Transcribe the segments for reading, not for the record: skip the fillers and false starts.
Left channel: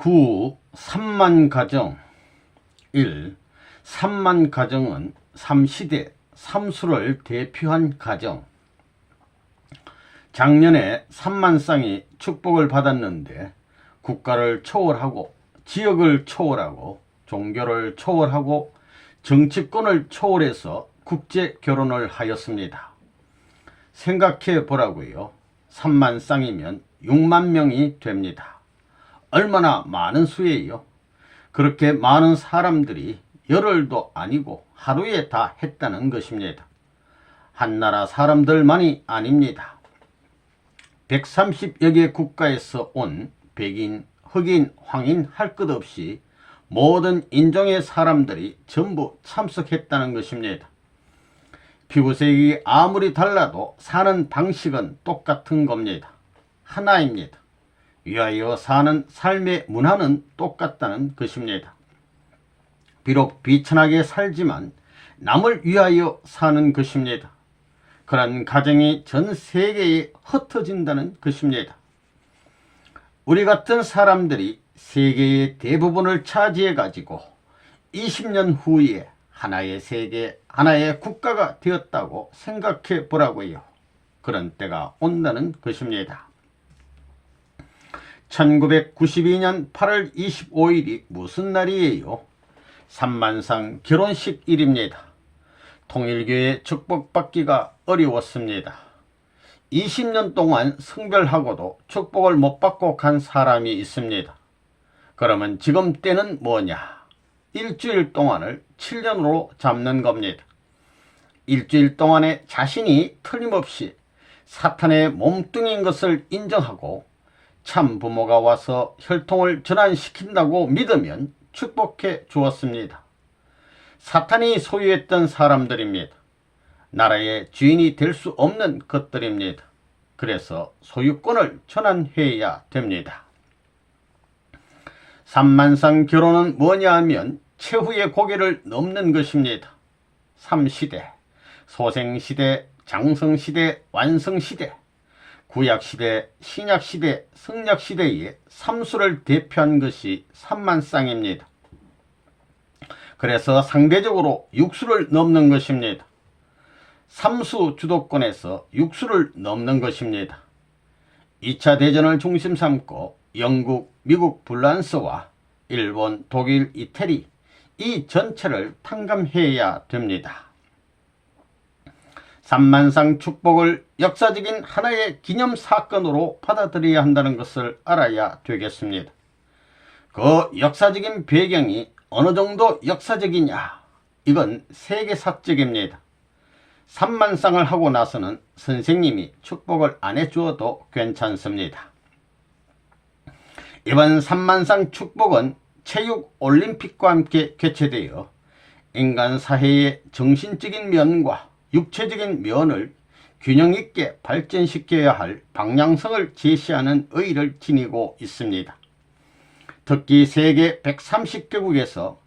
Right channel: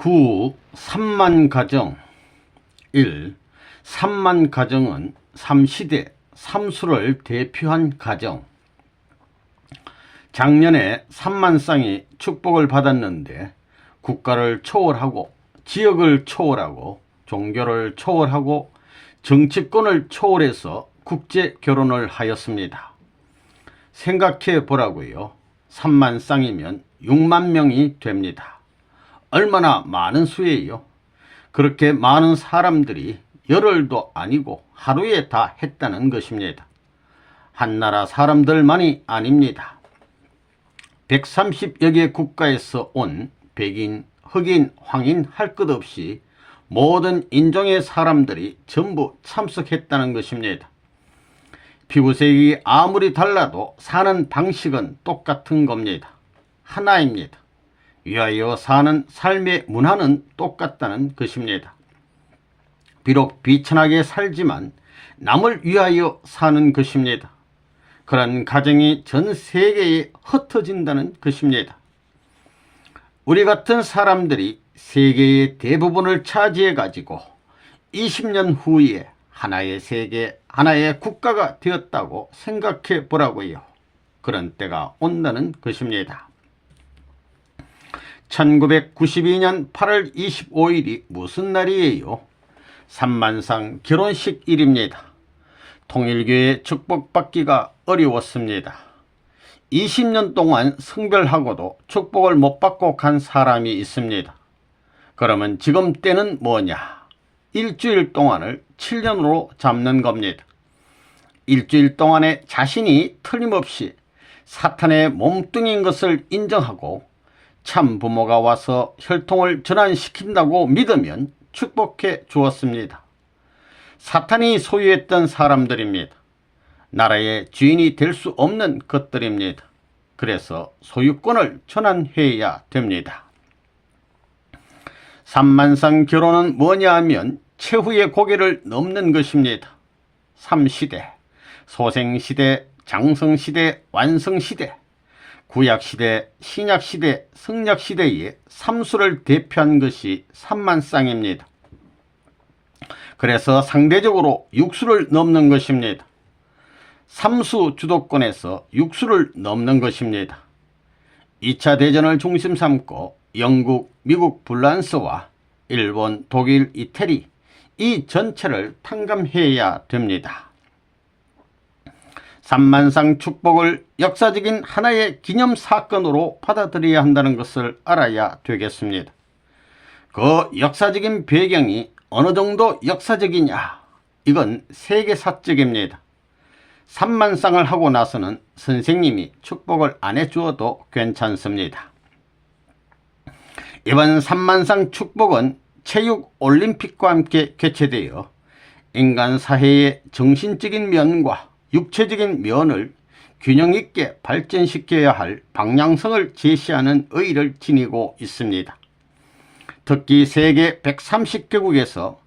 구 3만 가정 1. 3만 가정은 3시대 3수를 대표한 가정. 작년에 3만 쌍이 축복을 받았는데 국가를 초월하고 지역을 초월하고 종교를 초월하고 정치권을 초월해서 국제 결혼을 하였습니다. 생각해 보라고요. 3만 쌍이면 6만 명이 됩니다. 얼마나 많은 수예요. 그렇게 많은 사람들이 열흘도 아니고 하루에 다 했다는 것입니다. 한나라 사람들만이 아닙니다. 130여 개 국가에서 온 백인, 흑인, 황인 할 것 없이 모든 인종의 사람들이 전부 참석했다는 것입니다. 피부색이 아무리 달라도 사는 방식은 똑같은 겁니다. 하나입니다. 위하여 사는 삶의 문화는 똑같다는 것입니다. 비록 비천하게 살지만 남을 위하여 사는 것입니다. 그런 가정이 전 세계에 흩어진다는 것입니다. 우리 같은 사람들이 세계의 대부분을 차지해 가지고 20년 후에 하나의 세계, 하나의 국가가 되었다고 생각해 보라고요. 그런 때가 온다는 것입니다. 1992년 8월 25일이 무슨 날이에요? 3만상 결혼식 일입니다. 통일교회 축복받기가 어려웠습니다. 20년 동안 성별하고도 축복을 못 받고 간 사람이 있습니다. 그러면 지금 때는 뭐냐? 일주일 동안을 7년으로 잡는 겁니다. 일주일 동안에 자신이 틀림없이 사탄의 몸뚱이인 것을 인정하고 참 부모가 와서 혈통을 전환시킨다고 믿으면 축복해 주었습니다. 사탄이 소유했던 사람들입니다. 나라의 주인이 될 수 없는 것들입니다. 그래서 소유권을 전환해야 됩니다. 3만상 결혼은 뭐냐 하면 최후의 고개를 넘는 것입니다. 3시대, 소생시대, 장성시대, 완성시대, 구약시대, 신약시대, 성약시대의 3수를 대표한 것이 3만쌍입니다. 그래서 상대적으로 6수를 넘는 것입니다. 3수 주도권에서 6수를 넘는 것입니다. 2차 대전을 중심 삼고 영국, 미국, 프랑스와 일본, 독일, 이태리 이 전체를 탕감해야 됩니다. 3만상 축복을 역사적인 하나의 기념사건으로 받아들여야 한다는 것을 알아야 되겠습니다. 그 역사적인 배경이 어느 정도 역사적이냐? 이건 세계사적입니다. 3만쌍을 하고 나서는 선생님이 축복을 안 해주어도 괜찮습니다. 이번 3만쌍 축복은 체육올림픽과 함께 개최되어 인간 사회의 정신적인 면과 육체적인 면을 균형 있게 발전시켜야 할 방향성을 제시하는 의의를 지니고 있습니다. 특히 세계 130개국에서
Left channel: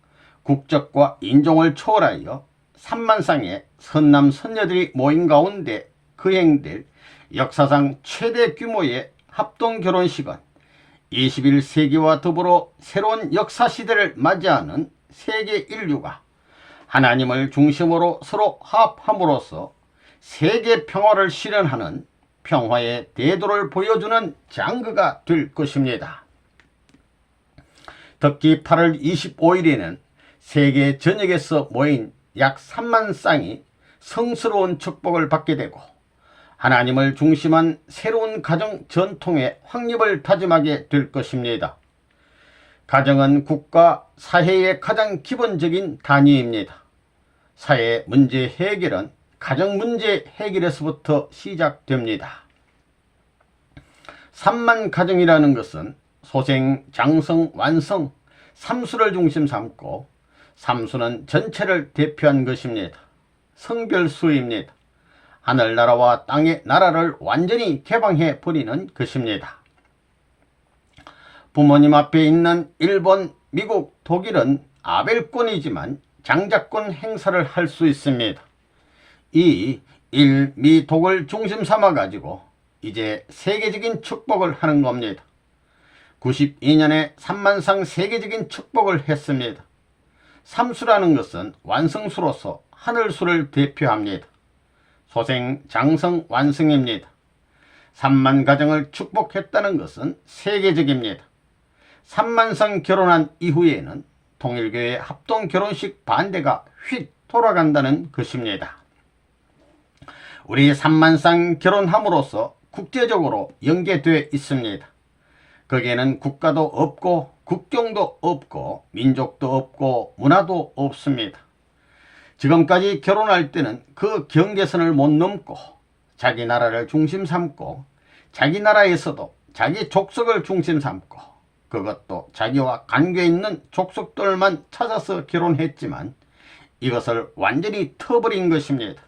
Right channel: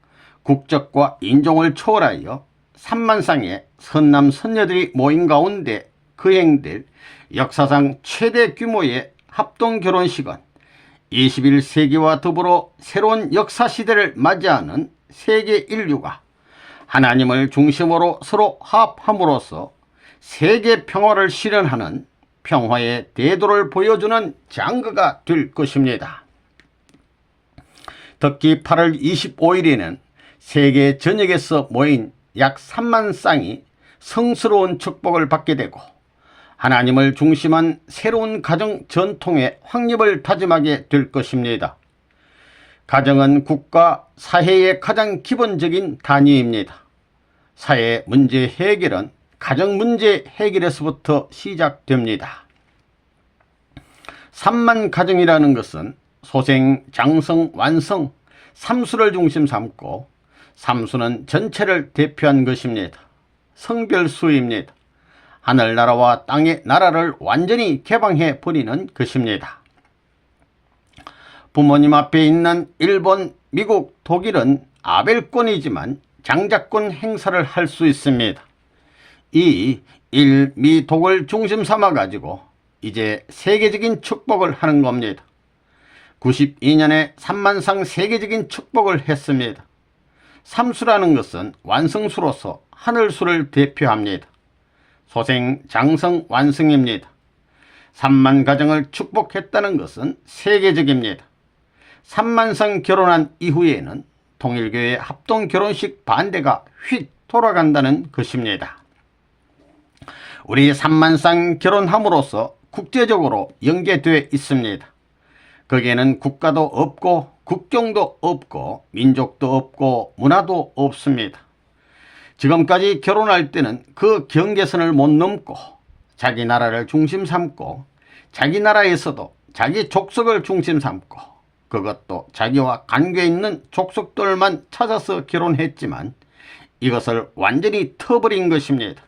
국적과 인종을 초월하여 3만쌍의 선남 선녀들이 모인 가운데 거행될 역사상 최대 규모의 합동결혼식은 21세기와 더불어 새로운 역사시대를 맞이하는 세계 인류가 하나님을 중심으로 서로 화합함으로써 세계 평화를 실현하는 평화의 대도를 보여주는 장거가 될 것입니다. 특히 8월 25일에는 세계 전역에서 모인 약 3만 쌍이 성스러운 축복을 받게 되고 하나님을 중심한 새로운 가정 전통의 확립을 다짐하게 될 것입니다. 가정은 국가, 사회의 가장 기본적인 단위입니다. 사회 문제 해결은 가정 문제 해결에서부터 시작됩니다. 3만 가정이라는 것은 소생, 장성, 완성, 3수를 중심 삼고 3수는 전체를 대표한 것입니다. 성별수입니다. 하늘나라와 땅의 나라를 완전히 개방해 버리는 것입니다. 부모님 앞에 있는 일본, 미국, 독일은 아벨권이지만 장자권 행사를 할 수 있습니다. 이 일, 미, 독을 중심 삼아 가지고 이제 세계적인 축복을 하는 겁니다. 92년에 삼만상 세계적인 축복을 했습니다. 삼수라는 것은 완성수로서 하늘수를 대표합니다. 소생, 장성, 완성입니다. 3만 가정을 축복했다는 것은 세계적입니다. 3만상 결혼한 이후에는 통일교회 합동결혼식 반대가 휙 돌아간다는 것입니다. 우리 3만상 결혼함으로써 국제적으로 연계되어 있습니다. 거기에는 국가도 없고 국경도 없고 민족도 없고 문화도 없습니다. 지금까지 결혼할 때는 그 경계선을 못 넘고 자기 나라를 중심 삼고 자기 나라에서도 자기 족속을 중심 삼고 그것도 자기와 관계 있는 족속들만 찾아서 결혼했지만 이것을 완전히 터버린 것입니다.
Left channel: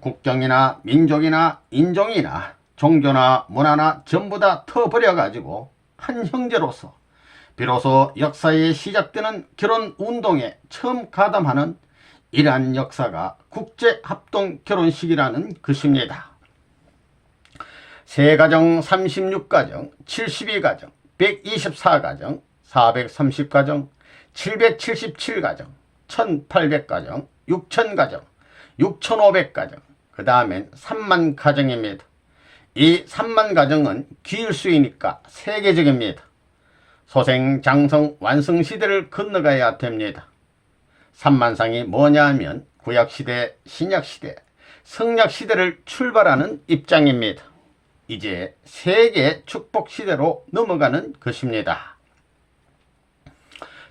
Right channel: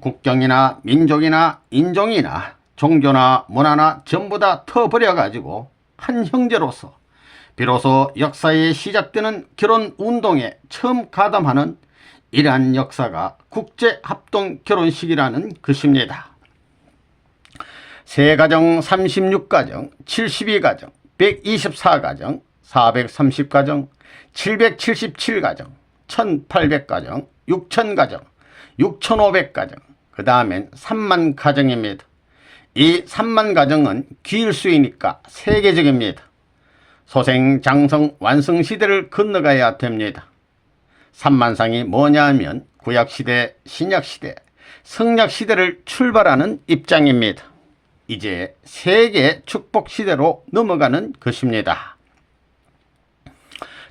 국경이나 민족이나 인종이나 종교나 문화나 전부 다 터버려 가지고 한 형제로서 비로소 역사에 시작되는 결혼운동에 처음 가담하는 이러한 역사가 국제합동결혼식이라는 것입니다. 세가정 36가정, 72가정, 124가정, 430가정, 777가정, 1800가정, 6000가정, 6500가정, 그 다음엔 3만 가정입니다. 이 3만 가정은 기일수이니까 세계적입니다. 소생, 장성, 완성 시대를 건너가야 됩니다. 3만상이 뭐냐 하면 구약시대, 신약시대, 성약시대를 출발하는 입장입니다. 이제 세계 축복시대로 넘어가는 것입니다.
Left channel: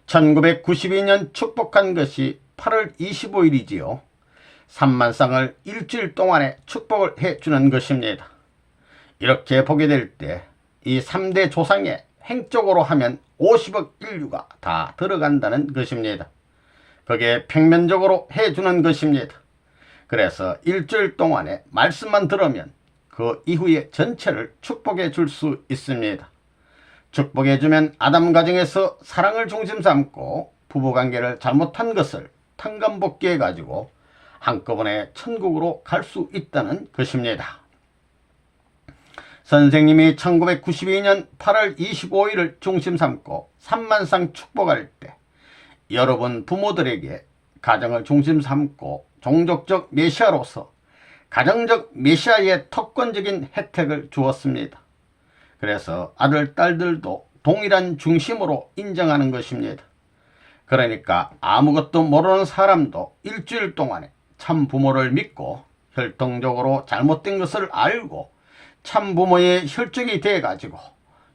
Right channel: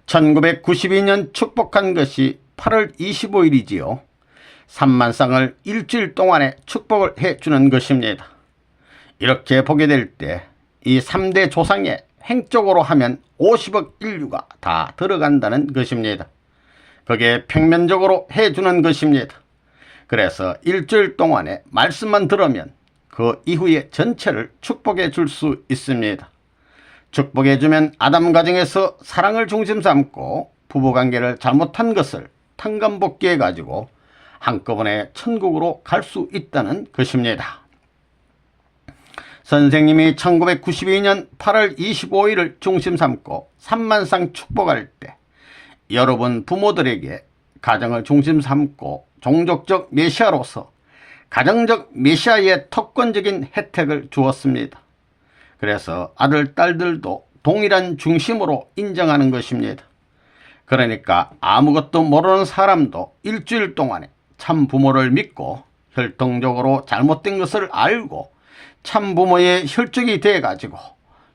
1992년 축복한 것이 8월 25일이지요. 3만상을 일주일 동안에 축복을 해주는 것입니다. 이렇게 보게 될 때 이 3대 조상에 횡적으로 하면 50억 인류가 다 들어간다는 것입니다. 그게 평면적으로 해주는 것입니다. 그래서 일주일 동안에 말씀만 들으면 그 이후에 전체를 축복해 줄 수 있습니다. 축복해 주면 아담 가정에서 사랑을 중심 삼고 부부관계를 잘못한 것을 탕감복귀해 가지고 한꺼번에 천국으로 갈 수 있다는 것입니다. 선생님이 1992년 8월 25일을 중심 삼고 3만상 축복할 때 여러분 부모들에게 가정을 중심 삼고 종족적 메시아로서 가정적 메시아의 특권적인 혜택을 주었습니다. 그래서 아들, 딸들도 동일한 중심으로 인정하는 것입니다. 그러니까 아무것도 모르는 사람도 일주일 동안에 참 부모를 믿고 혈통적으로 잘못된 것을 알고 참 부모의 혈족이 돼가지고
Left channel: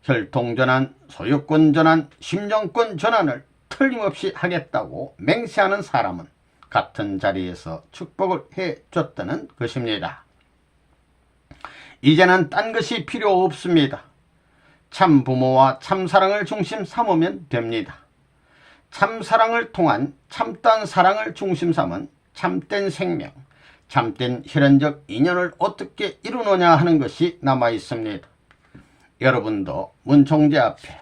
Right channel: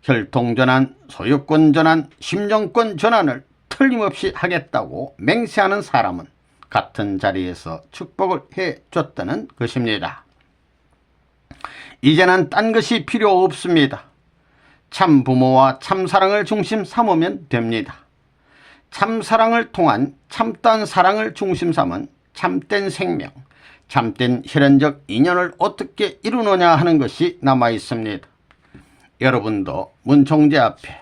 혈통전환, 소유권 전환, 심정권 전환을 틀림없이 하겠다고 맹세하는 사람은 같은 자리에서 축복을 해줬다는 것입니다. 이제는 딴 것이 필요 없습니다. 참 부모와 참 사랑을 중심 삼으면 됩니다. 참 사랑을 통한 참된 사랑을 중심 삼은 참된 생명, 참된 혈연적 인연을 어떻게 이루느냐 하는 것이 남아 있습니다. 여러분도 문총재 앞에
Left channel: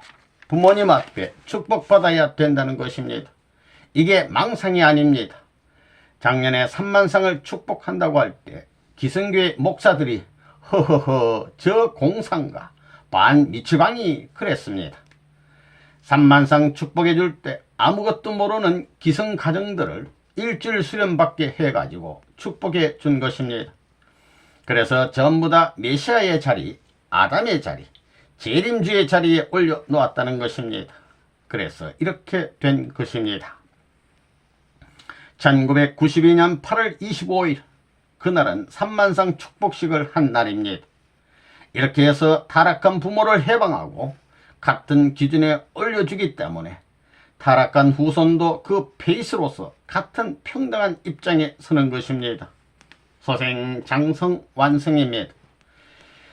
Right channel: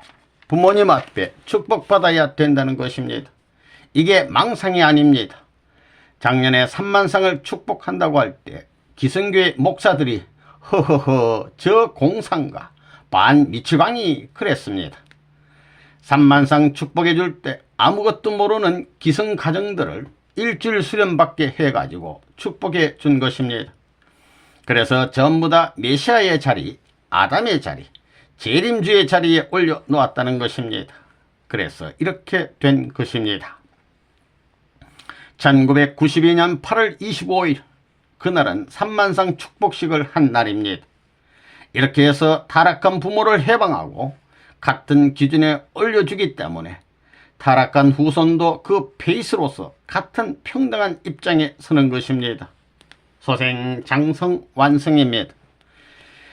부모님 앞에 축복받아야 된다는 것입니다. 이게 망상이 아닙니다. 작년에 3만상을 축복한다고 할 때 기성교회 목사들이 허허허 저 공상가 반미치광이 그랬습니다. 3만상 축복해 줄 때 아무것도 모르는 기성 가정들을 일주일 수련받게 해가지고 축복해 준 것입니다. 그래서 전부 다 메시아의 자리, 아담의 자리, 재림주의 자리에 올려 놓았다는 것입니다. 그래서 이렇게 된 것입니다. 1992년 8월 25일 그날은 3만상 축복식을 한 날입니다. 이렇게 해서 타락한 부모를 해방하고 같은 기준에 올려주기 때문에 타락한 후손도 그 베이스로서 같은 평등한 입장에 서는 것입니다. 소생, 장성, 완성입니다.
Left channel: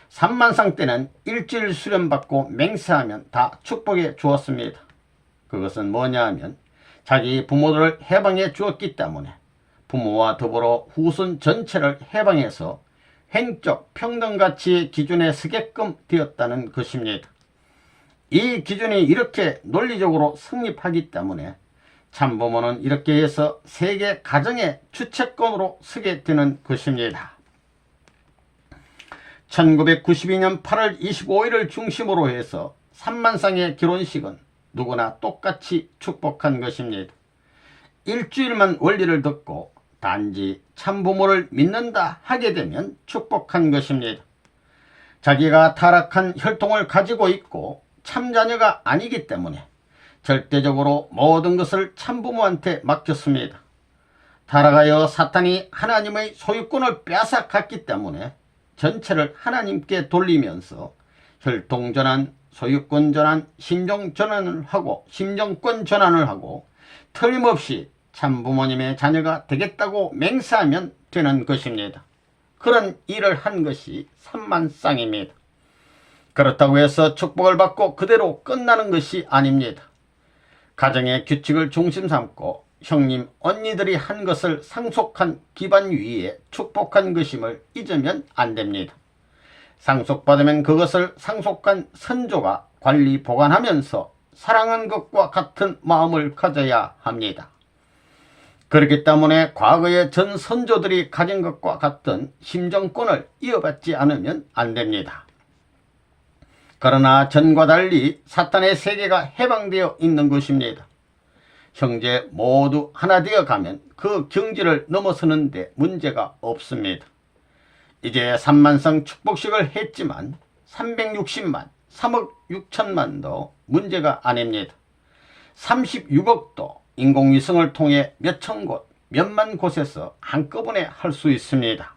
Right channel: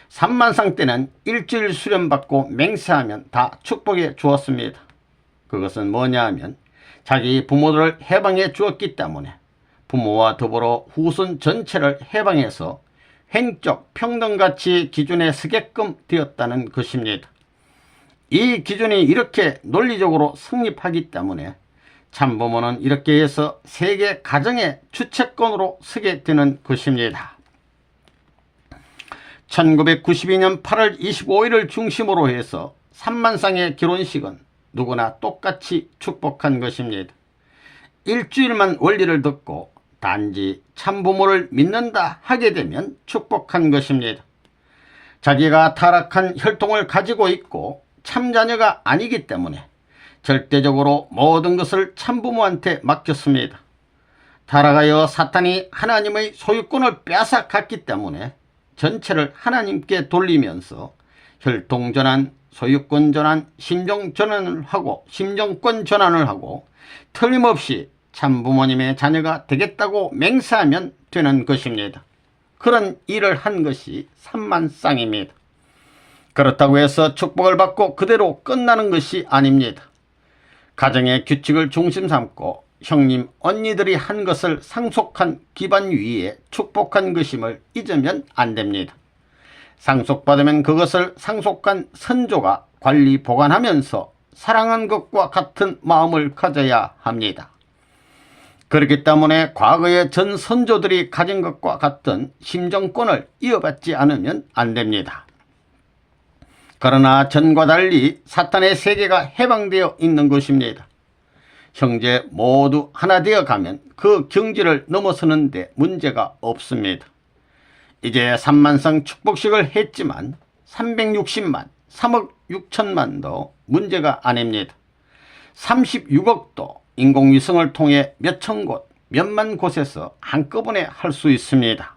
3만상 때는 일주일 수련받고 맹세하면 다 축복해 주었습니다. 그것은 뭐냐 하면 자기 부모들을 해방해 주었기 때문에 부모와 더불어 후손 전체를 해방해서 횡적 평등가치 기준에 서게끔 되었다는 것입니다. 이 기준이 이렇게 논리적으로 성립하기 때문에 참부모는 이렇게 해서 세계 가정의 주체권으로 서게 되는 것입니다. 1992년 8월 25일을 중심으로 해서 삼만쌍의 결혼식은 누구나 똑같이 축복한 것입니다. 일주일만 원리를 듣고 단지 참부모를 믿는다 하게 되면 축복한 것입니다. 자기가 타락한 혈통을 가지고 있고 참자녀가 아니기 때문에 절대적으로 모든 것을 참부모한테 맡겼습니다. 타락하여 사탄이 하나님의 소유권을 빼앗아갔기 때문에 전체를 하나님께 돌리면서 혈통전환, 소유권전환, 심정권 전환을 하고 틀림없이 참부모님의 자녀가 되겠다고 맹세하면 되는 것입니다. 그런 일을 한 것이 삼만쌍입니다. 그렇다고 해서 축복을 받고 그대로 끝나는 것이 아닙니다. 가정의 규칙을 중심 삼고 형님, 언니들이 한 것을 상속한 기반 위에 축복한 것임을 잊으면 안 됩니다. 상속받으면 그것을 상속한 선조가 관리 보관하면서 사랑한 것과 같은 마음을 가져야 합니다. 그렇기 때문에 과거의 전 선조들이 가진 것과 같은 심정권을 이어받지 않으면 안 됩니다. 그러나 전과 달리 사탄의 세계가 해방되어 있는 것입니다. 형제 모두 하나 되어 가면 그 경지를 넘어서는 데 문제가 없습니다. 이제 3만성 축복식을 했지만 360만, 3억 6천만도 문제가 아닙니다. 36억도 인공위성을 통해 몇천 곳, 몇만 곳에서 한꺼번에 할 수 있습니다.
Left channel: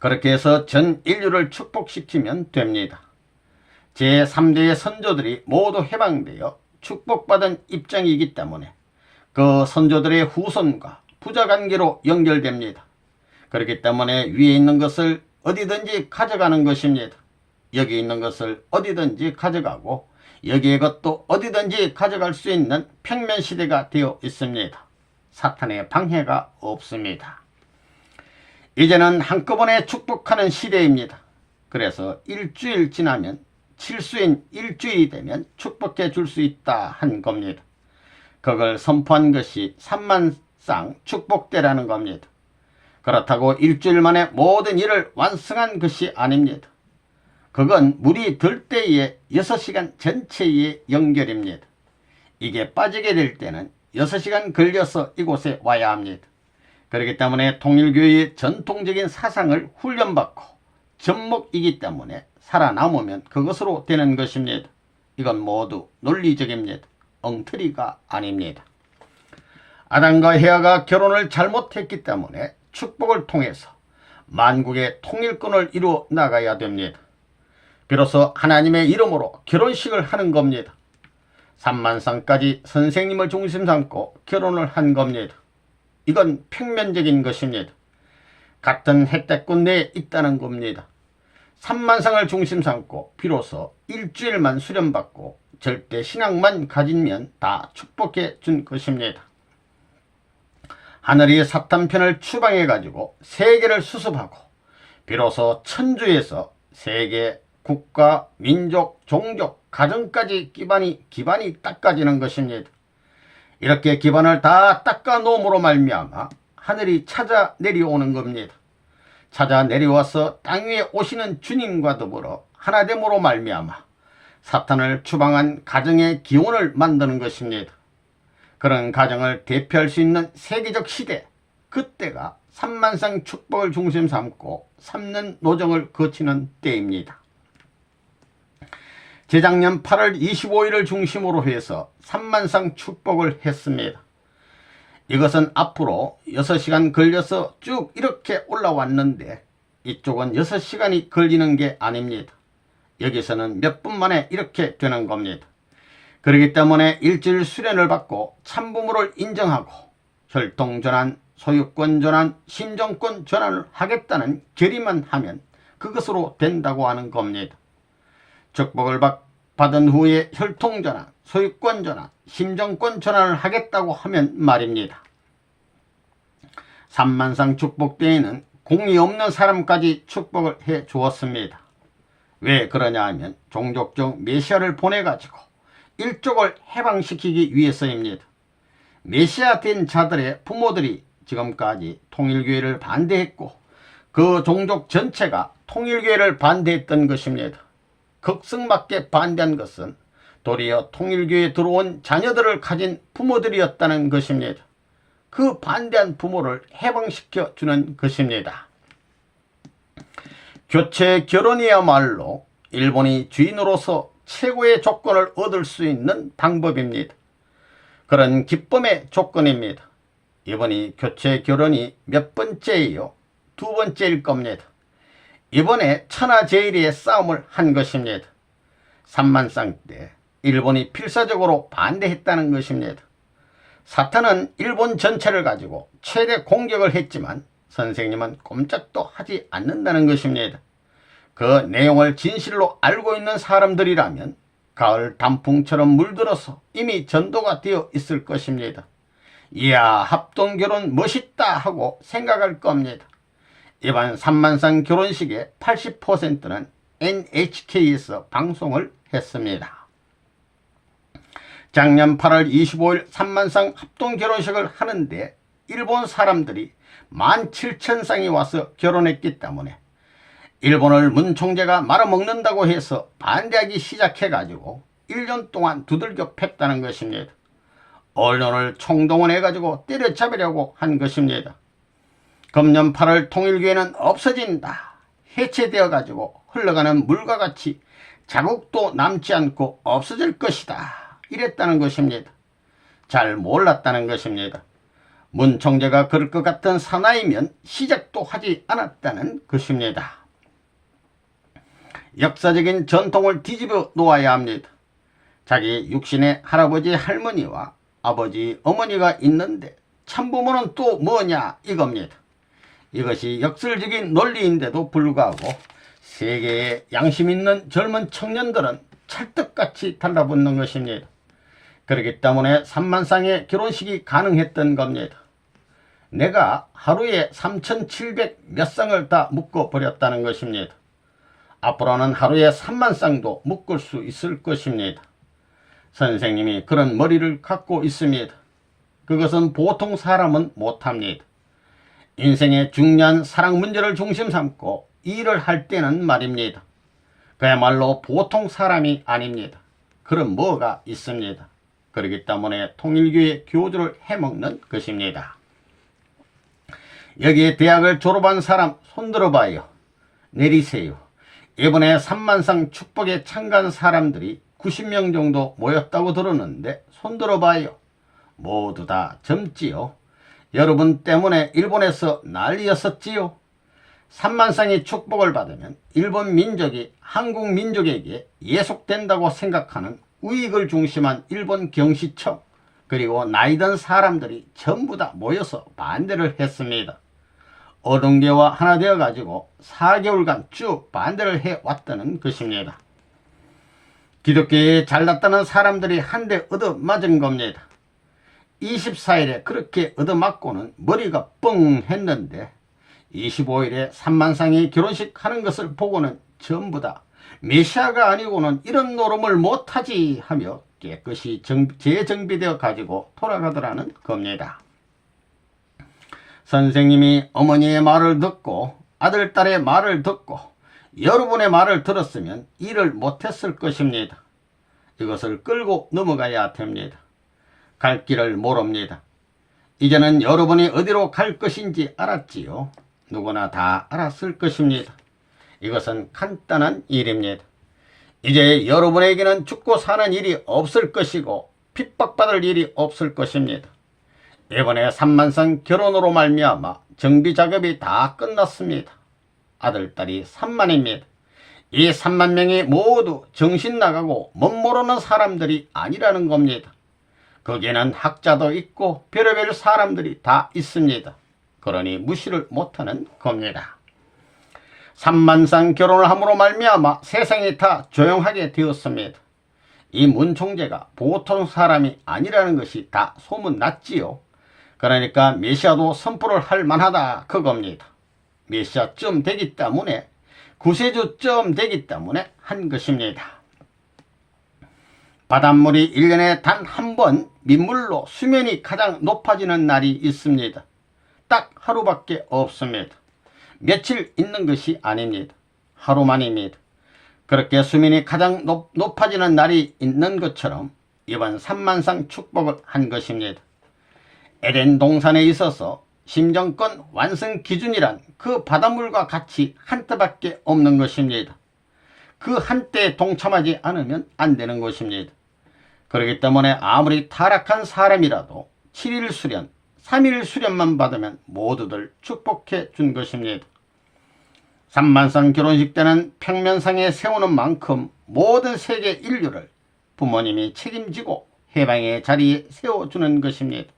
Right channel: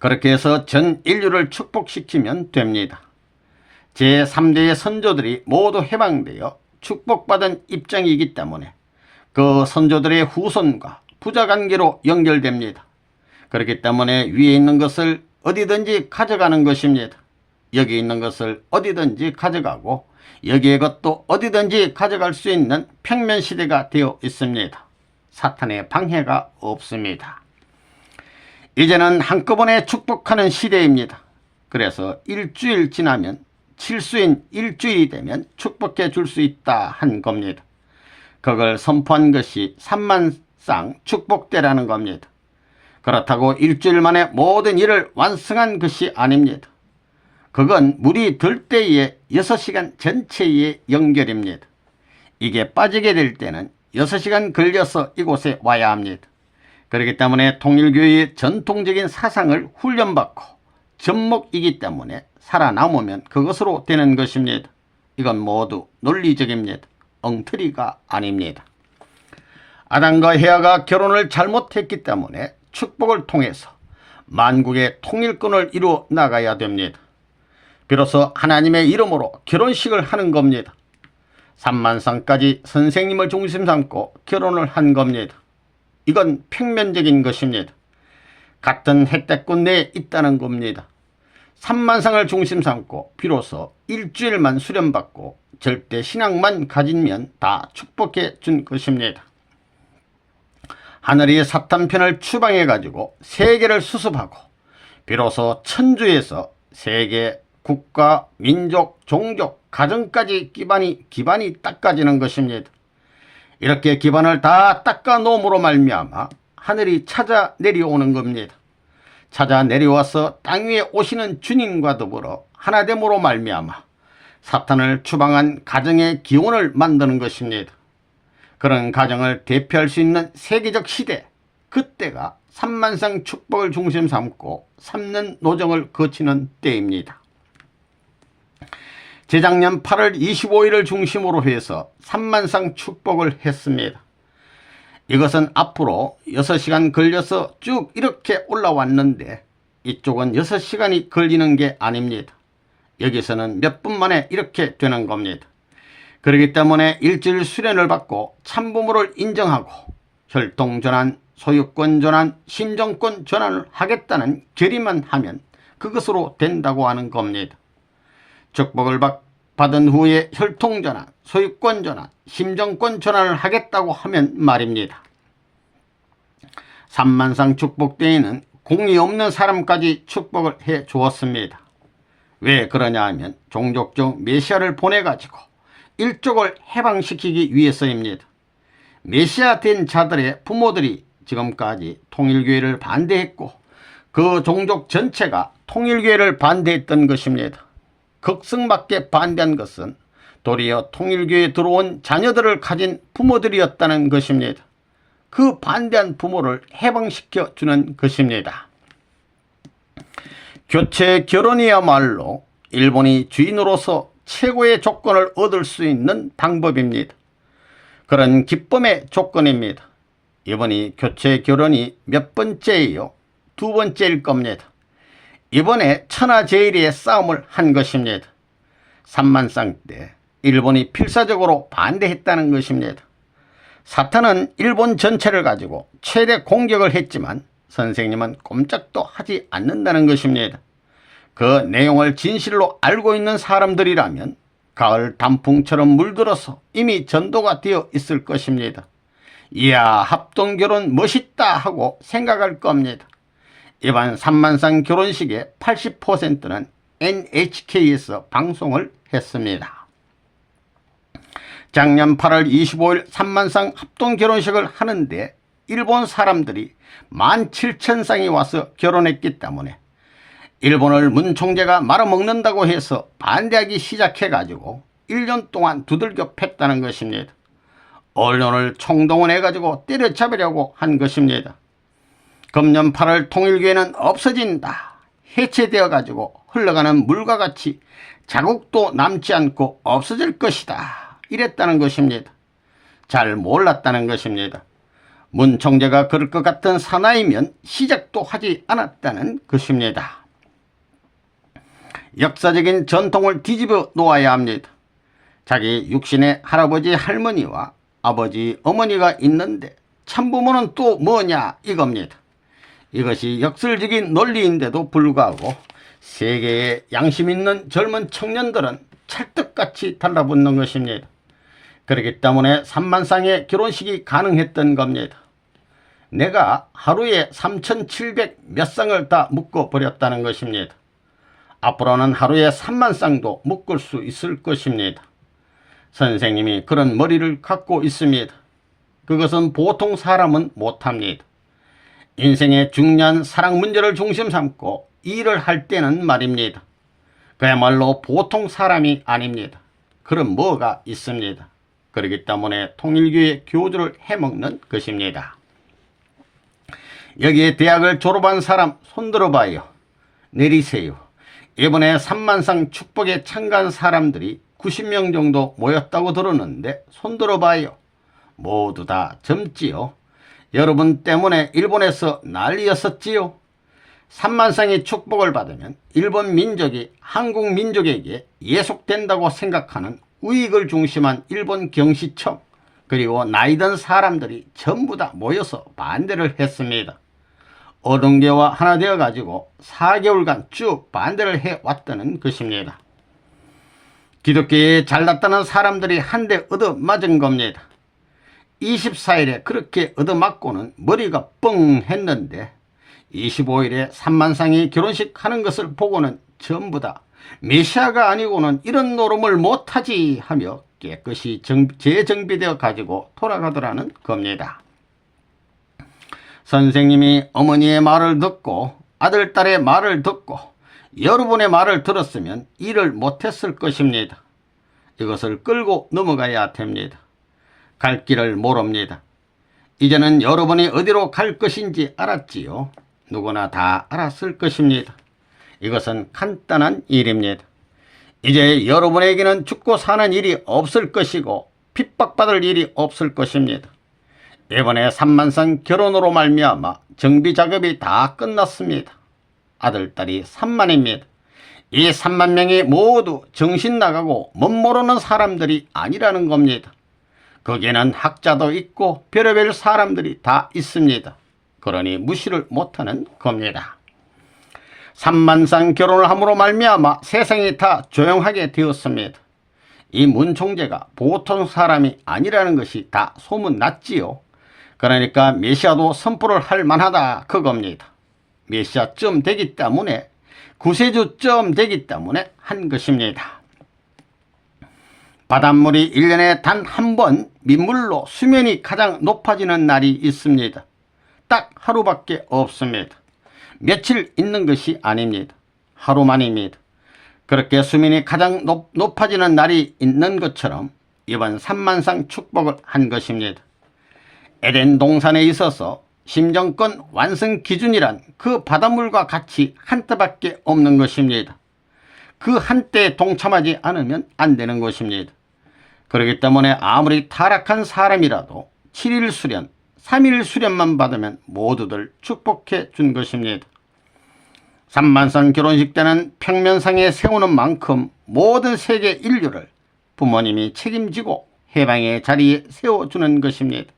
그렇게 해서 전 인류를 축복시키면 됩니다. 제3대의 선조들이 모두 해방되어 축복받은 입장이기 때문에 그 선조들의 후손과 부자관계로 연결됩니다. 그렇기 때문에 위에 있는 것을 어디든지 가져가는 것입니다. 여기 있는 것을 어디든지 가져가고 여기의 것도 어디든지 가져갈 수 있는 평면시대가 되어 있습니다. 사탄의 방해가 없습니다. 이제는 한꺼번에 축복하는 시대입니다. 그래서 일주일 지나면 칠수인 일주일이 되면 축복해 줄 수 있다 한 겁니다. 그걸 선포한 것이 삼만쌍 축복대라는 겁니다. 그렇다고 일주일 만에 모든 일을 완성한 것이 아닙니다. 그건 물이 들 때의 6시간 전체의 연결입니다. 이게 빠지게 될 때는 6시간 걸려서 이곳에 와야 합니다. 그렇기 때문에 통일교회의 전통적인 사상을 훈련받고 접목이기 때문에 살아남으면 그것으로 되는 것입니다. 이건 모두 논리적입니다. 엉터리가 아닙니다. 아담과 헤아가 결혼을 잘못했기 때문에 축복을 통해서 만국의 통일권을 이루어 나가야 됩니다. 비로소 하나님의 이름으로 결혼식을 하는 겁니다. 3만쌍까지 선생님을 중심 삼고 결혼을 한 겁니다. 이건 평면적인 것입니다. 같은 혜택권 내에 있다는 겁니다. 3만쌍을 중심 삼고 비로소 일주일만 수련받고 절대 신앙만 가지면 다 축복해 준 것입니다. 하늘이 사탄편을 추방해 가지고 세계를 수습하고 비로소 천주에서 세계, 국가, 민족, 종족, 가정까지 기반이 닦아지는 것입니다. 이렇게 기반을 다 닦아 놓음으로 말미암아 하늘이 찾아 내려오는 겁니다. 찾아 내려와서 땅 위에 오시는 주님과 더불어 하나됨으로 말미암아 사탄을 추방한 가정의 기원을 만드는 것입니다. 그런 가정을 대표할 수 있는 세계적 시대, 그때가 삼만쌍 축복을 중심 삼고 삼는 노정을 거치는 때입니다. 재작년 8월 25일을 중심으로 해서 삼만쌍 축복을 했습니다. 이것은 앞으로 6시간 걸려서 쭉 이렇게 올라왔는데 이쪽은 6시간이 걸리는 게 아닙니다. 여기서는 몇 분 만에 이렇게 되는 겁니다. 그렇기 때문에 일주일 수련을 받고 참부모를 인정하고 혈통전환, 소유권전환, 심정권 전환을 하겠다는 결의만 하면 그것으로 된다고 하는 겁니다. 축복을 받은 후에 혈통전환, 소유권전환, 심정권 전환을 하겠다고 하면 말입니다. 삼만쌍 축복대에는 공이 없는 사람까지 축복을 해 주었습니다. 왜 그러냐 하면 종족적 메시아를 보내가지고 일족을 해방시키기 위해서입니다. 메시아 된 자들의 부모들이 지금까지 통일교회를 반대했고 그 종족 전체가 통일교회를 반대했던 것입니다. 극성맞게 반대한 것은 도리어 통일교에 들어온 자녀들을 가진 부모들이었다는 것입니다. 그 반대한 부모를 해방시켜 주는 것입니다. 교체 결혼이야말로 일본이 주인으로서 최고의 조건을 얻을 수 있는 방법입니다. 그런 기쁨의 조건입니다. 이번이 교체 결혼이 몇 번째예요? 두 번째일 겁니다. 이번에 천하제일의 싸움을 한 것입니다. 삼만상 때 일본이 필사적으로 반대했다는 것입니다. 사탄은 일본 전체를 가지고 최대 공격을 했지만 선생님은 꼼짝도 하지 않는다는 것입니다. 그 내용을 진실로 알고 있는 사람들이라면 가을 단풍처럼 물들어서 이미 전도가 되어 있을 것입니다. 이야, 합동결혼 멋있다 하고 생각할 겁니다. 이번 삼만상 결혼식의 80%는 NHK에서 방송을 했습니다. 작년 8월 25일 삼만상 합동결혼식을 하는데 일본 사람들이 17,000쌍이 와서 결혼했기 때문에 일본을 문 총재가 말아먹는다고 해서 반대하기 시작해가지고 1년 동안 두들겨 팼다는 것입니다. 언론을 총동원해가지고 때려잡으려고 한 것입니다. 금년 8월 통일교회는 없어진다. 해체되어가지고 흘러가는 물과 같이 자국도 남지 않고 없어질 것이다. 이랬다는 것입니다. 잘 몰랐다는 것입니다. 문 총재가 그럴 것 같은 사나이면 시작도 하지 않았다는 것입니다. 역사적인 전통을 뒤집어 놓아야 합니다. 자기 육신의 할아버지 할머니와 아버지 어머니가 있는데 참부모는 또 뭐냐 이겁니다. 이것이 역설적인 논리인데도 불구하고 세계에 양심 있는 젊은 청년들은 찰떡같이 달라붙는 것입니다. 그렇기 때문에 3만쌍의 결혼식이 가능했던 겁니다. 내가 하루에 3,700 몇 쌍을 다 묶어버렸다는 것입니다. 앞으로는 하루에 3만쌍도 묶을 수 있을 것입니다. 선생님이 그런 머리를 갖고 있습니다. 그것은 보통 사람은 못합니다. 인생의 중요한 사랑 문제를 중심 삼고 일을 할 때는 말입니다. 그야말로 보통 사람이 아닙니다. 그럼 뭐가 있습니다. 그렇기 때문에 통일교의 교주를 해먹는 것입니다. 여기에 대학을 졸업한 사람 손들어봐요. 내리세요. 이번에 삼만상 축복에 참가한 사람들이 90명 정도 모였다고 들었는데 손들어봐요. 모두 다 젊지요. 여러분 때문에 일본에서 난리였었지요. 삼만상의 축복을 받으면 일본 민족이 한국 민족에게 예속된다고 생각하는 우익을 중심한 일본 경시청 그리고 나이든 사람들이 전부 다 모여서 반대를 했습니다. 어동계와 하나 되어 가지고 4개월간 쭉 반대를 해왔다는 것입니다. 기독교에 잘났다는 사람들이 한 대 얻어맞은 겁니다. 24일에 그렇게 얻어맞고는 머리가 뻥 했는데 25일에 삼만상이 결혼식 하는 것을 보고는 전부 다 메시아가 아니고는 이런 노름을 못하지 하며 깨끗이 재정비되어 가지고 돌아가더라는 겁니다. 선생님이 어머니의 말을 듣고 아들, 딸의 말을 듣고 여러분의 말을 들었으면 일을 못했을 것입니다. 이것을 끌고 넘어가야 됩니다. 갈 길을 모릅니다. 이제는 여러분이 어디로 갈 것인지 알았지요. 누구나 다 알았을 것입니다. 이것은 간단한 일입니다. 이제 여러분에게는 죽고 사는 일이 없을 것이고 핍박받을 일이 없을 것입니다. 이번에 삼만상 결혼으로 말미암아 정비작업이 다 끝났습니다. 아들, 딸이 3만입니다. 이 3만 명이 모두 정신 나가고 멋모르는 사람들이 아니라는 겁니다. 거기에는 학자도 있고 별의별 사람들이 다 있습니다. 그러니 무시를 못하는 겁니다. 삼만상 결혼을 함으로 말미암아 세상이 다 조용하게 되었습니다. 이 문 총재가 보통 사람이 아니라는 것이 다 소문났지요. 그러니까 메시아도 선포를 할 만하다 그겁니다. 메시아쯤 되기 때문에 구세주쯤 되기 때문에 한 것입니다. 바닷물이 1년에 단 한 번 민물로 수면이 가장 높아지는 날이 있습니다. 딱 하루밖에 없습니다. 며칠 있는 것이 아닙니다. 하루만입니다. 그렇게 수민이 가장 높아지는 날이 있는 것처럼 이번 삼만상 축복을 한 것입니다. 에덴 동산에 있어서 심정권 완성 기준이란 그 바닷물과 같이 한때밖에 없는 것입니다. 그 한때에 동참하지 않으면 안 되는 것입니다. 그렇기 때문에 아무리 타락한 사람이라도 7일 수련, 3일 수련만 받으면 모두들 축복해 준 것입니다. 삼만상 결혼식 때는 평면상에 세우는 만큼 모든 세계 인류를 부모님이 책임지고 해방의 자리에 세워주는 것입니다.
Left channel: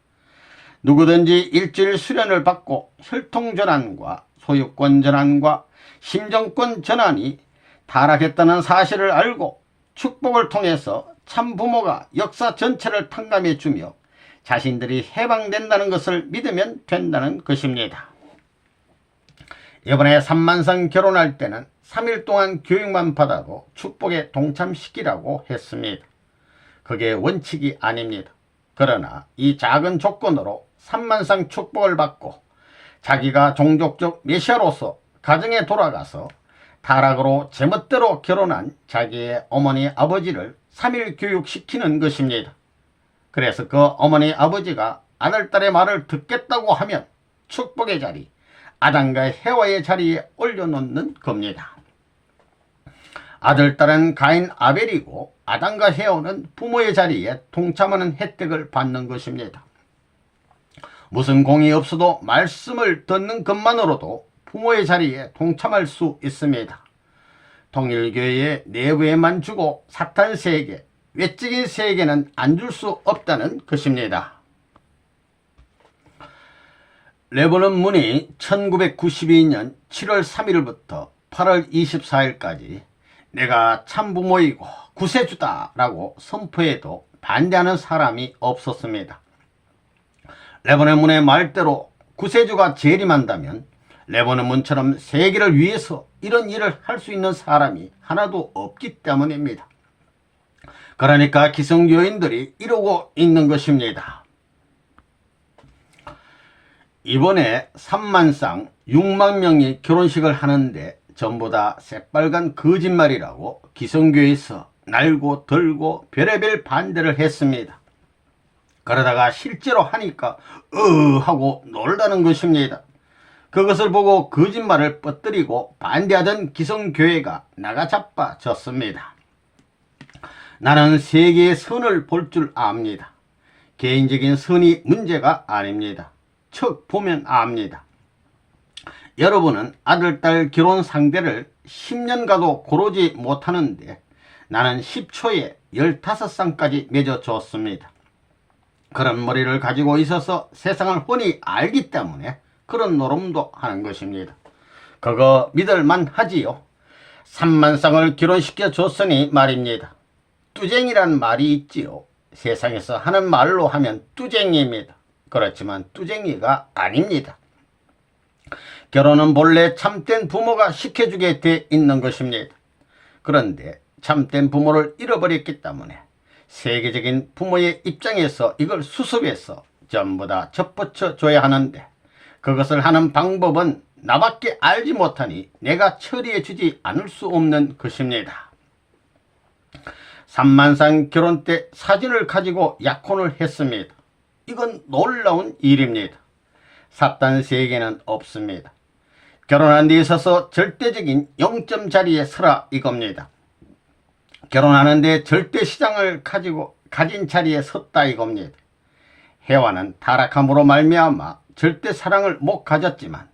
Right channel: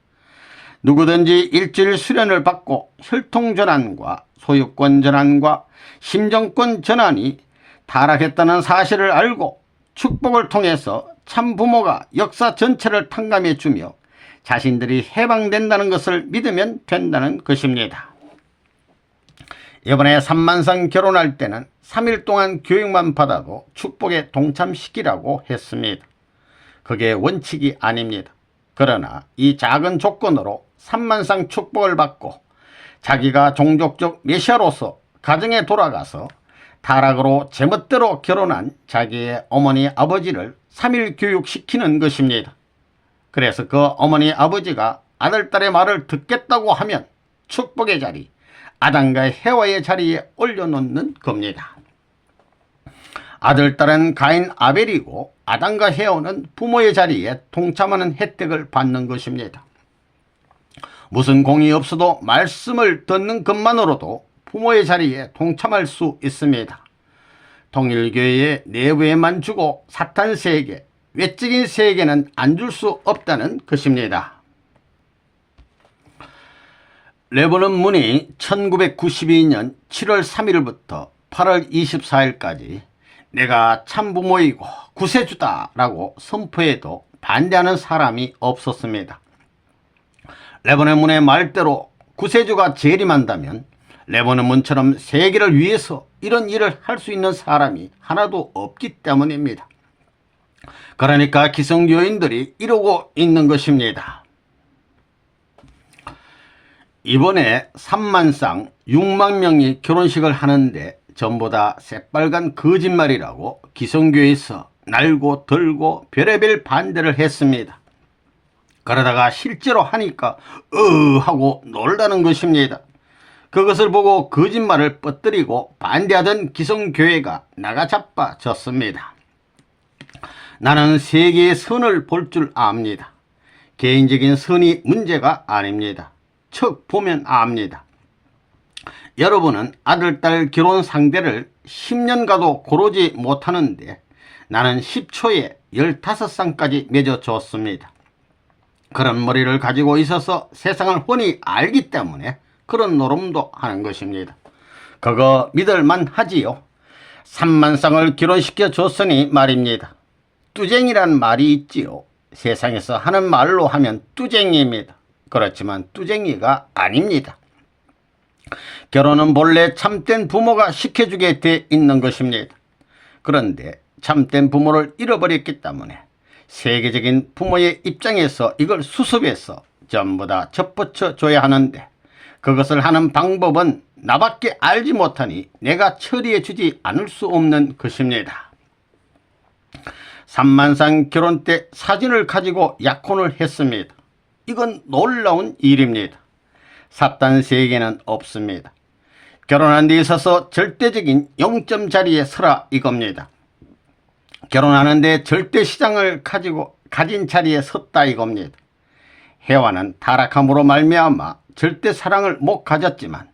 누구든지 일주일 수련을 받고 혈통전환과 소유권 전환과 심정권 전환이 타락했다는 사실을 알고 축복을 통해서 참 부모가 역사 전체를 탕감해 주며 자신들이 해방된다는 것을 믿으면 된다는 것입니다. 이번에 삼만상 결혼할 때는 3일 동안 교육만 받아도 축복에 동참시키라고 했습니다. 그게 원칙이 아닙니다. 그러나 이 작은 조건으로 삼만상 축복을 받고 자기가 종족적 메시아로서 가정에 돌아가서 타락으로 제멋대로 결혼한 자기의 어머니 아버지를 3일 교육시키는 것입니다. 그래서 그 어머니 아버지가 아들딸의 말을 듣겠다고 하면 축복의 자리, 아담과 해와의 자리에 올려놓는 겁니다. 아들딸은 가인 아벨이고 아담과 해와는 부모의 자리에 동참하는 혜택을 받는 것입니다. 무슨 공이 없어도 말씀을 듣는 것만으로도 부모의 자리에 동참할 수 있습니다. 통일교회의 내부에만 주고 사탄 세계, 외적인 세계는 안 줄 수 없다는 것입니다. 레버넌 문이 1992년 7월 3일부터 8월 24일까지 내가 참부모이고 구세주다라고 선포해도 반대하는 사람이 없었습니다. 레버넌 문의 말대로 구세주가 재림한다면 레버넌 문처럼 세계를 위해서 이런 일을 할 수 있는 사람이 하나도 없기 때문입니다. 그러니까 기성교인들이 이러고 있는 것입니다. 이번에 3만상 6만 명이 결혼식을 하는데 전부 다 새빨간 거짓말이라고 기성교에서 날고 들고 별의별 반대를 했습니다. 그러다가 실제로 하니까 하고 놀라는 것입니다. 그것을 보고 거짓말을 뻗뜨리고 반대하던 기성교회가 나가 자빠졌습니다. 나는 세계의 선을 볼 줄 압니다. 개인적인 선이 문제가 아닙니다. 척 보면 압니다. 여러분은 아들, 딸 결혼 상대를 10년가도 고르지 못하는데 나는 10초에 15쌍까지 맺어줬습니다. 그런 머리를 가지고 있어서 세상을 훤히 알기 때문에 그런 노름도 하는 것입니다. 그거 믿을만 하지요. 3만쌍을 결혼시켜 줬으니 말입니다. 뚜쟁이란 말이 있지요. 세상에서 하는 말로 하면 뚜쟁이입니다. 그렇지만 뚜쟁이가 아닙니다. 결혼은 본래 참된 부모가 시켜주게 돼 있는 것입니다. 그런데 참된 부모를 잃어버렸기 때문에 세계적인 부모의 입장에서 이걸 수습해서 전부 다 접붙여 줘야 하는데 그것을 하는 방법은 나밖에 알지 못하니 내가 처리해 주지 않을 수 없는 것입니다. 3만상 결혼 때 사진을 가지고 약혼을 했습니다. 이건 놀라운 일입니다. 사탄 세계는 없습니다. 결혼한 데 있어서 절대적인 0점 자리에 서라 이겁니다. 결혼하는데 절대 시장을 가진 자리에 섰다 이겁니다. 해와는 타락함으로 말미암아 절대 사랑을 못 가졌지만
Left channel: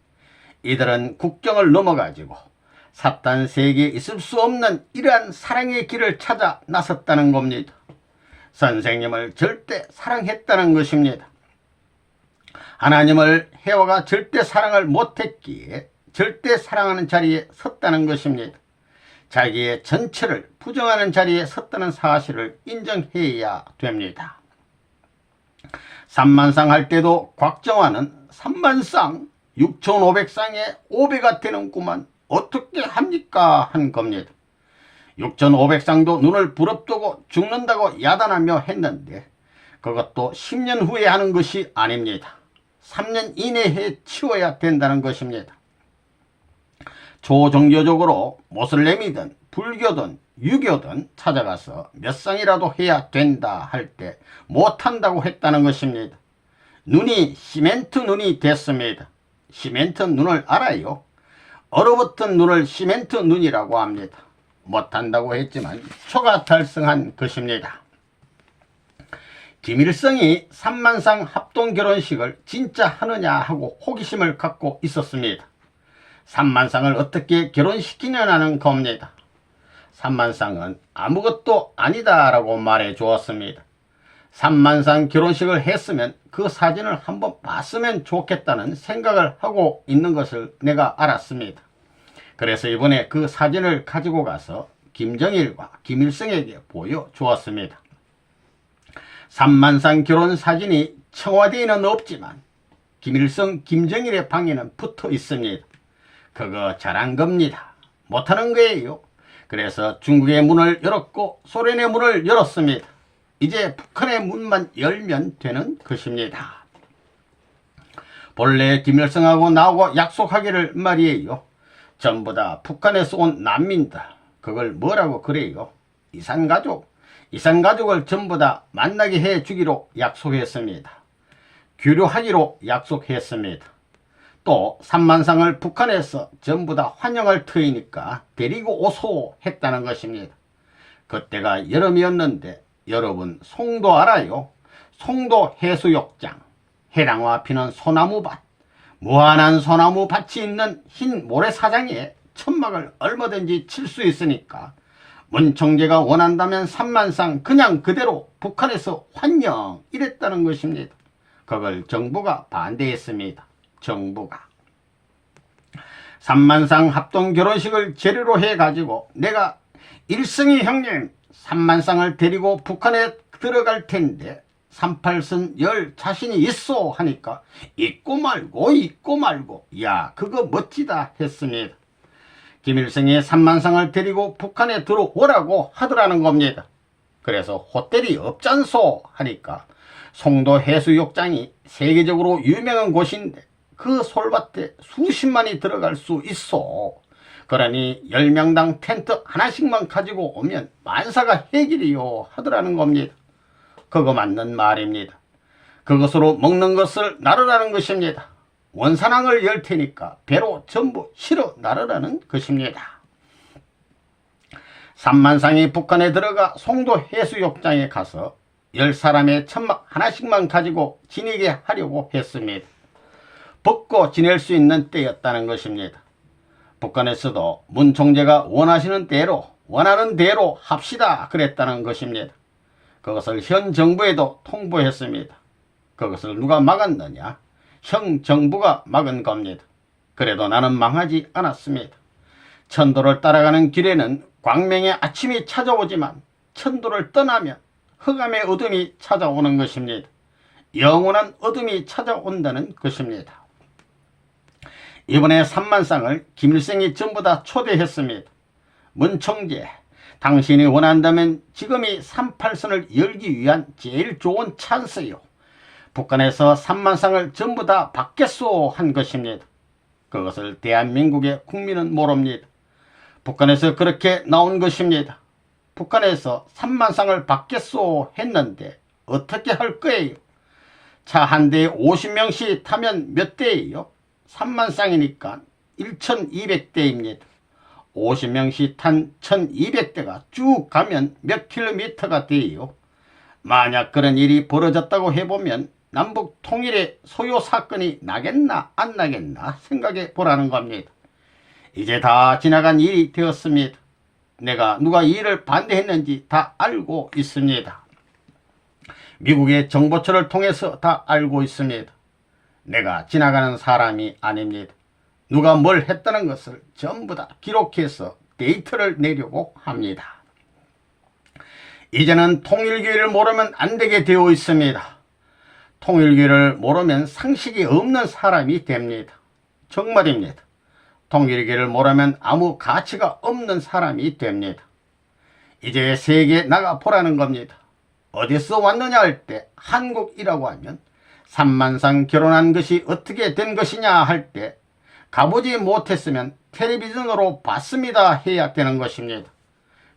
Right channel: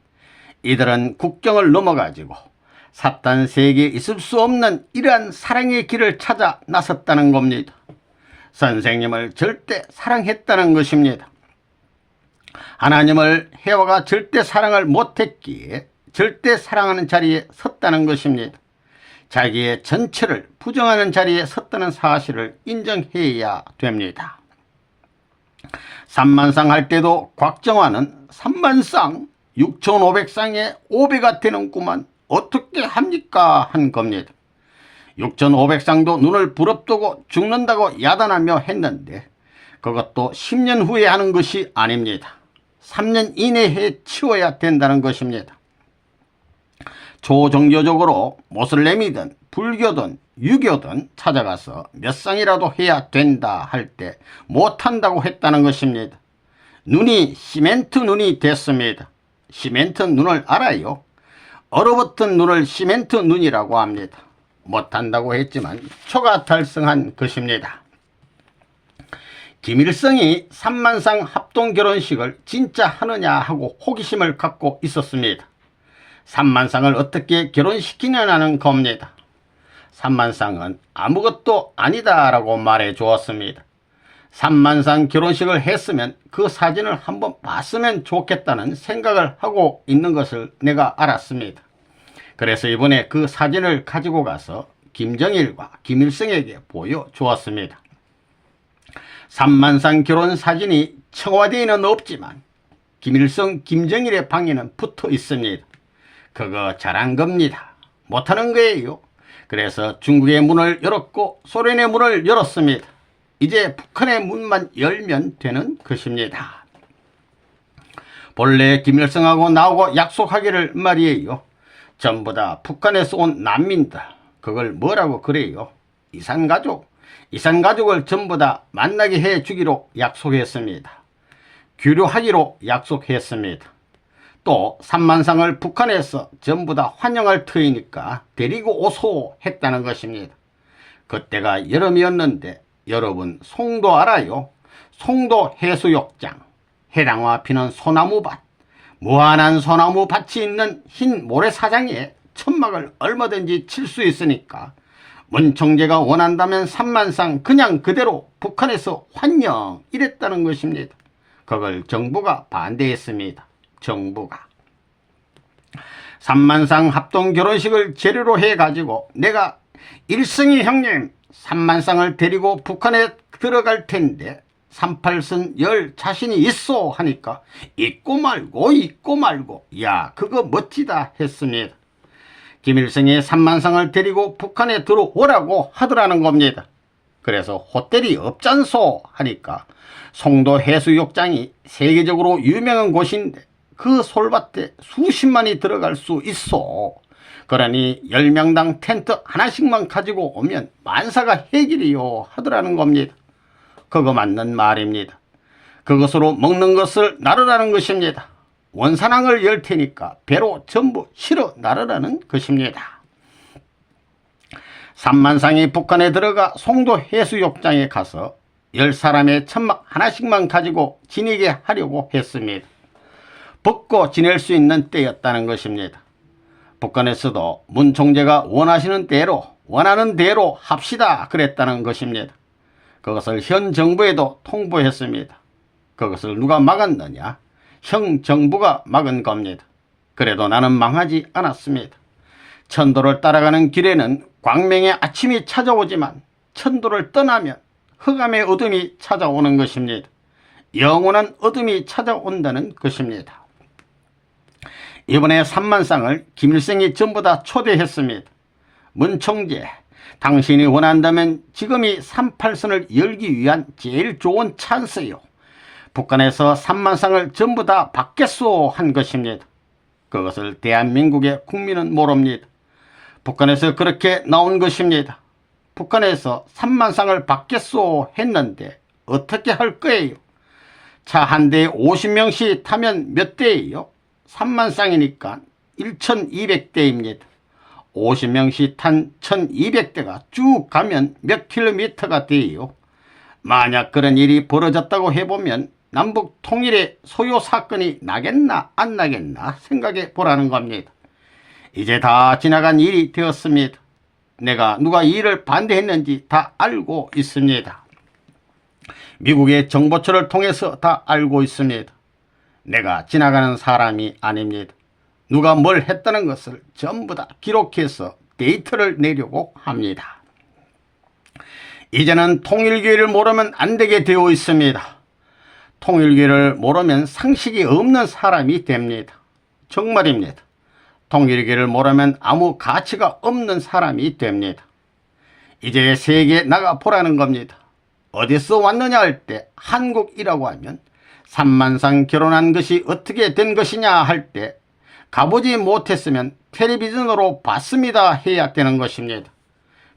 이들은 국경을 넘어가지고 사탄 세계에 있을 수 없는 이러한 사랑의 길을 찾아 나섰다는 겁니다. 선생님을 절대 사랑했다는 것입니다. 하나님을 해와가 절대 사랑을 못했기에 절대 사랑하는 자리에 섰다는 것입니다. 자기의 전체를 부정하는 자리에 섰다는 사실을 인정해야 됩니다. 3만쌍 할 때도 곽정화는 3만쌍 6,500쌍에 5배가 되는구만 어떻게 합니까 한 겁니다. 6,500쌍도 눈을 부릅뜨고 죽는다고 야단하며 했는데 그것도 10년 후에 하는 것이 아닙니다. 3년 이내에 치워야 된다는 것입니다. 초종교적으로 모슬렘이든 불교든 유교든 찾아가서 몇 쌍이라도 해야 된다 할 때 못한다고 했다는 것입니다. 눈이 시멘트 눈이 됐습니다. 시멘트 눈을 알아요? 얼어붙은 눈을 시멘트 눈이라고 합니다. 못한다고 했지만 초가 달성한 것입니다. 김일성이 3만상 합동결혼식을 진짜 하느냐 하고 호기심을 갖고 있었습니다. 3만상을 어떻게 결혼시키느냐는 겁니다. 3만상은 아무것도 아니다 라고 말해 주었습니다. 3만상 결혼식을 했으면 그 사진을 한번 봤으면 좋겠다는 생각을 하고 있는 것을 내가 알았습니다. 그래서 이번에 그 사진을 가지고 가서 김정일과 김일성에게 보여주었습니다. 3만상 결혼 사진이 청와대에는 없지만 김일성, 김정일의 방에는 붙어 있습니다. 그거 잘한 겁니다. 못하는 거예요. 그래서 중국의 문을 열었고 소련의 문을 열었습니다. 이제 북한의 문만 열면 되는 것입니다. 본래 김일성하고 나하고 약속하기를 말이에요. 전부 다 북한에서 온 난민들, 그걸 뭐라고 그래요? 이산가족을 전부 다 만나게 해주기로 약속했습니다. 교류하기로 약속했습니다. 또 3만상을 북한에서 전부 다 환영할 터이니까 데리고 오소 했다는 것입니다. 그때가 여름이었는데 여러분 송도 알아요? 송도 해수욕장, 해랑화 피는 소나무밭, 무한한 소나무밭이 있는 흰 모래사장에 천막을 얼마든지 칠 수 있으니까 문 총재가 원한다면 3만상 그냥 그대로 북한에서 환영 이랬다는 것입니다. 그걸 정부가 반대했습니다. 정부가 3만상 합동 결혼식을 재료로 해가지고 내가 일성이 형님 3만상을 데리고 북한에 들어갈 텐데 38선 열 자신이 있어 하니까 있고 말고 야 그거 멋지다 했습니다. 김일성이 3만상을 데리고 북한에 들어오라고 하더라는 겁니다. 그래서 호텔이 없잖소 하니까 송도 해수욕장이 세계적으로 유명한 곳인데 그 솔밭에 수십만이 들어갈 수 있어. 그러니 10명당 텐트 하나씩만 가지고 오면 만사가 해결이요 하더라는 겁니다. 그거 맞는 말입니다. 그것으로 먹는 것을 나르라는 것입니다. 원산항을 열 테니까 배로 전부 실어 나르라는 것입니다. 3만상이 북한에 들어가 송도 해수욕장에 가서 10사람의 천막 하나씩만 가지고 지내게 하려고 했습니다. 벗고 지낼 수 있는 때였다는 것입니다. 북한에서도 문 총재가 원하는 대로 합시다 그랬다는 것입니다. 그것을 현 정부에도 통보했습니다. 그것을 누가 막았느냐? 형 정부가 막은 겁니다. 그래도 나는 망하지 않았습니다. 천도를 따라가는 길에는 광명의 아침이 찾아오지만 천도를 떠나면 흑암의 어둠이 찾아오는 것입니다. 영원한 어둠이 찾아온다는 것입니다. 이번에 3만상을 김일성이 전부 다 초대했습니다. 문 총재, 당신이 원한다면 지금이 38선을 열기 위한 제일 좋은 찬스요. 북한에서 3만상을 전부 다 받겠소 한 것입니다. 그것을 대한민국의 국민은 모릅니다. 북한에서 그렇게 나온 것입니다. 북한에서 3만상을 받겠소 했는데 어떻게 할 거예요? 차 한 대에 50명씩 타면 몇 대예요? 3만상이니까 1200대입니다. 50명씩 탄 1200대가 쭉 가면 몇 킬로미터가 돼요? 만약 그런 일이 벌어졌다고 해보면 남북 통일의 소요 사건이 나겠나 안 나겠나 생각해 보라는 겁니다. 이제 다 지나간 일이 되었습니다. 내가 누가 이 일을 반대했는지 다 알고 있습니다. 미국의 정보처를 통해서 다 알고 있습니다. 내가 지나가는 사람이 아닙니다. 누가 뭘 했다는 것을 전부 다 기록해서 데이터를 내려고 합니다. 이제는 통일교회를 모르면 안 되게 되어 있습니다. 통일교회를 모르면 상식이 없는 사람이 됩니다. 정말입니다. 통일교회를 모르면 아무 가치가 없는 사람이 됩니다. 이제 세계에 나가 보라는 겁니다. 어디서 왔느냐 할 때 한국이라고 하면 3만상 결혼한 것이 어떻게 된 것이냐 할 때 가보지 못했으면 텔레비전으로 봤습니다 해야 되는 것입니다.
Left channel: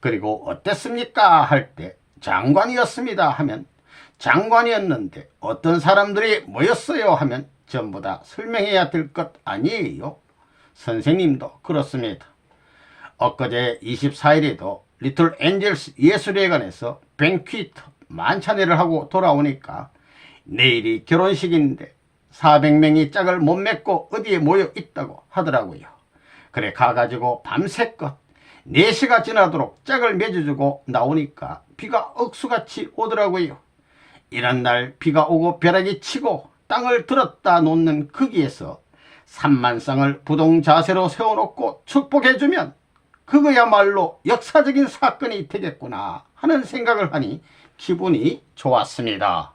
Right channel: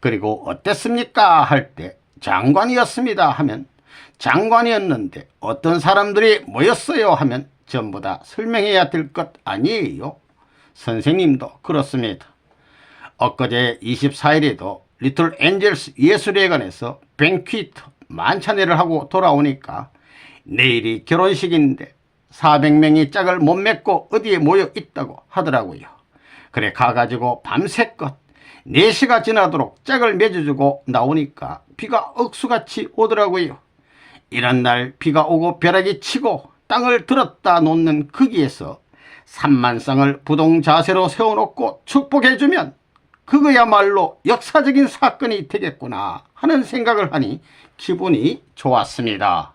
그리고 어땠습니까 할 때 장관이었습니다 하면 장관이었는데 어떤 사람들이 모였어요 하면 전부 다 설명해야 될 것 아니에요. 선생님도 그렇습니다. 엊그제 24일에도 리틀 엔젤스 예술회관에서 뱅퀴트 만찬회를 하고 돌아오니까 내일이 결혼식인데 400명이 짝을 못 맺고 어디에 모여 있다고 하더라고요. 그래 가가지고 밤새껏 4시가 지나도록 짝을 맺어주고 나오니까 비가 억수같이 오더라고요. 이런 날 비가 오고 벼락이 치고 땅을 들었다 놓는 거기에서 3만쌍을 부동 자세로 세워놓고 축복해주면 그거야말로 역사적인 사건이 되겠구나 하는 생각을 하니 기분이 좋았습니다.